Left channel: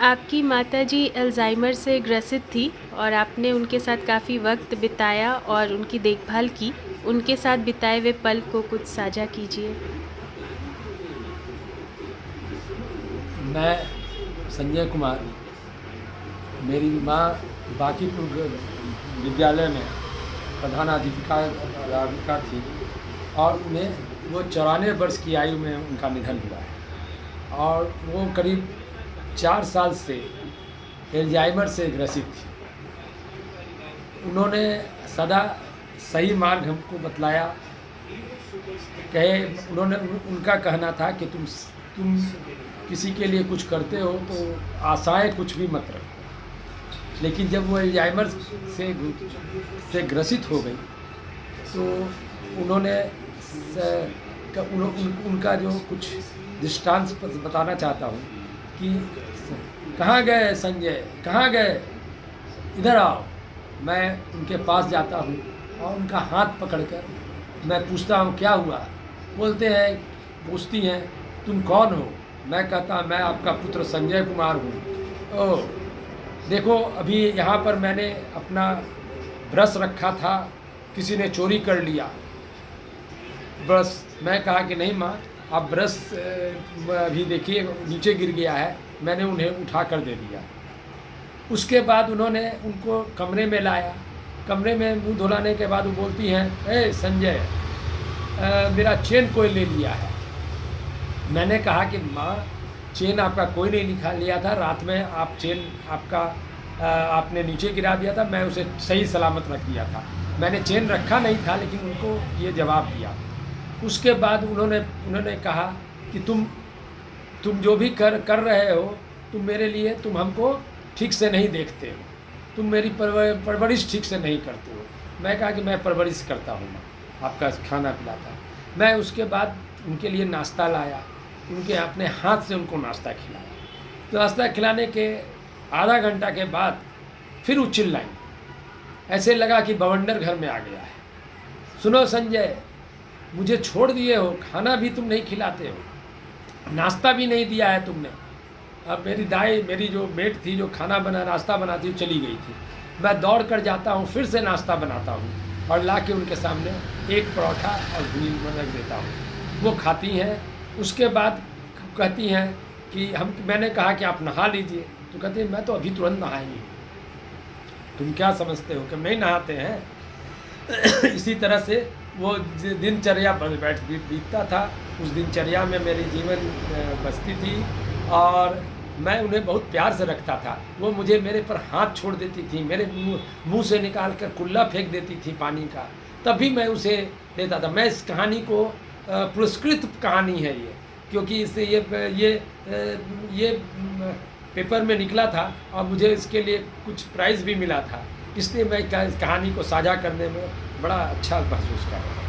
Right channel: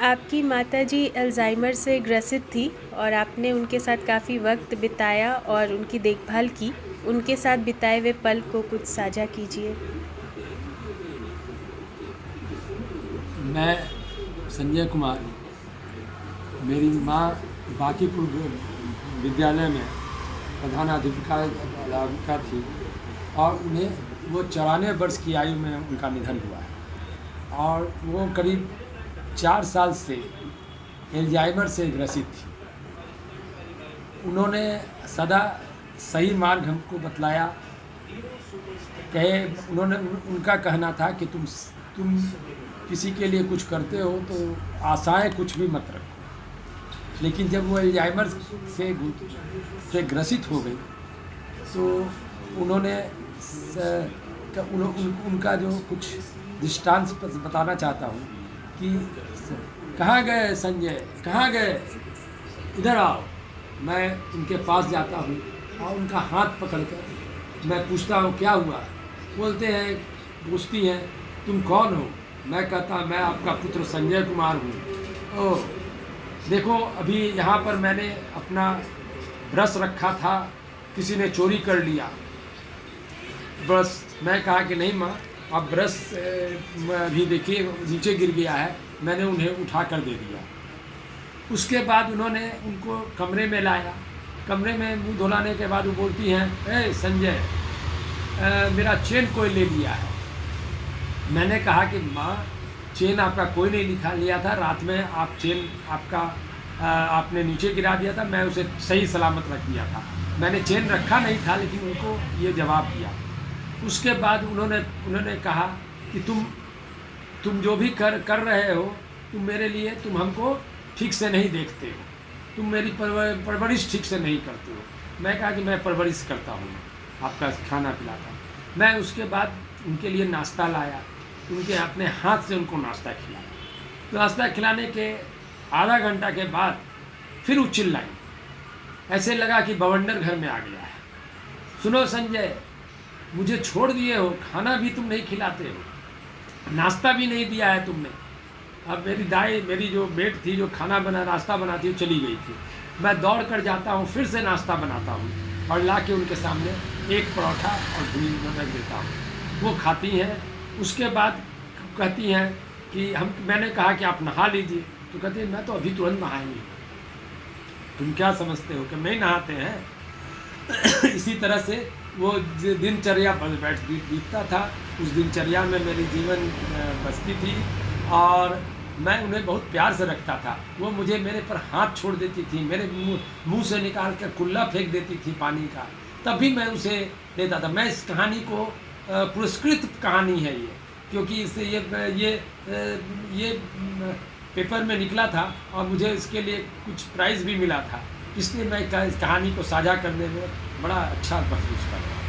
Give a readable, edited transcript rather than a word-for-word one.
आपकी माताजी अल्ज़ाइमर से ग्रसित थी और आपने उनके साथ काफ़ी वक्त बिताया और उनकी देखभाल की। उनके साथ बिताए हुए पल को कुछ साझा कीजिए। मैं संजय कुमार, मेरी माँ बांकीपुर विद्यालय में अध्यापिका थी और उन्हें वो 94 वर्ष की आयु में उनका निधन हुआ है और वो करीब 4 साल से एल्जाइमर से ग्रसित थी। उन्होंने सदा सही मार्ग हमको बतलाया। उनका कहना था कि तुम किसी के लिए कुछ करते हो तो आशाएं कुछ भी मत रखो। लेकिन जब वो एल्जाइमर से ग्रसित हो गई तो उन्होंने उनका जो कुछ दृष्टांत बताना चाहता हूँ कि कहाँ गए संजय, कहाँ गए, इधर आओ। मैं उनके पास जाता हूँ और उनका हाथ पकड़कर मैं पूछता हूँ क्या हुआ। पूछती हैं तुम कौन हो। मैं कहता मैं आपका पुत्र संजय कुमार हूँ। ओह देखो, अभी यहाँ पर मैंने अपना ब्रश रखा था, किसी ने चोरी कर लिया ब्रश। मैं कहा कि नहीं माँ, आप ब्रश अभी देखिए नीचे गिर गया है। मैंने उन्हें उठा कर दे दिया। उसके बाद उन्होंने उनको कमरे में लाया। कमरे में मुंह धुलाने के बाद वो बोलती हैं, ए संजय, मेरा चेन कोई ले लिया है। मैंने कहा कि माँ, चेन आपका कोई नहीं लिया था। रात में आप चेन आपने नीचे गिरा दिया था, मैं उसे सही सलामत रख दिया था। मैंने चेन रखा नहीं था, लेकिन उनको ये जवाब दिया। उसके बाद उन्होंने कहा कि तुम जो भी कर रहे हो, तुम हमको ठीक से नहीं देखते हो, तुम मेरी परवरिश ठीक से नहीं करते हो। मैं कहा कि मैं परवरिश करता हूँ, आपका खाना पिलाता हूँ। मैं उसके बाद उनके लिए नाश्ता लाया, उनके अपने हाथ से उनको नाश्ता खिलाया। तो नाश्ता खिलाने के आधा घंटा के बाद फिर वो चिल्लाई। ऐसे लगा कि बवंडर घर में आ गया है। सुनो संजय, मुझे छोड़ दिए हो, खाना भी तुम नहीं खिलाते हो, नाश्ता भी नहीं दिया है तुमने। अब मेरी जो मेट थी, जो नाश्ता बनाती, वो चली गई थी। मैं दौड़ कर जाता हूँ, फिर से नाश्ता बनाता हूँ और ला के उनके सामने एक परोठा और घी रख देता हूँ। वो खाती हैं। उसके बाद कहती हैं कि मैंने कहा कि आप नहा लीजिए, तो कहती हैं मैं तो अभी तुरंत नहाई हूँ। तुम क्या समझते हो कि नहीं नहाते हैं। इसी तरह से वो दिनचर्या बीतता था। उस दिनचर्या में मेरी जीवन बसती थी और मैं उन्हें बहुत प्यार से रखता था। वो मेरे पर हाथ छोड़ देती थी, मेरे मुंह से निकाल कर कुल्ला फेंक देती थी पानी का, तब भी मैं उसे लेता था। मैं इस कहानी को पुरस्कृत कहानी है ये, क्योंकि इससे ये पेपर में निकला था और मुझे इसके लिए कुछ प्राइज़ भी मिला था। इसलिए मैं इस कहानी को साझा करने में बड़ा अच्छा महसूस कर रहा हूँ।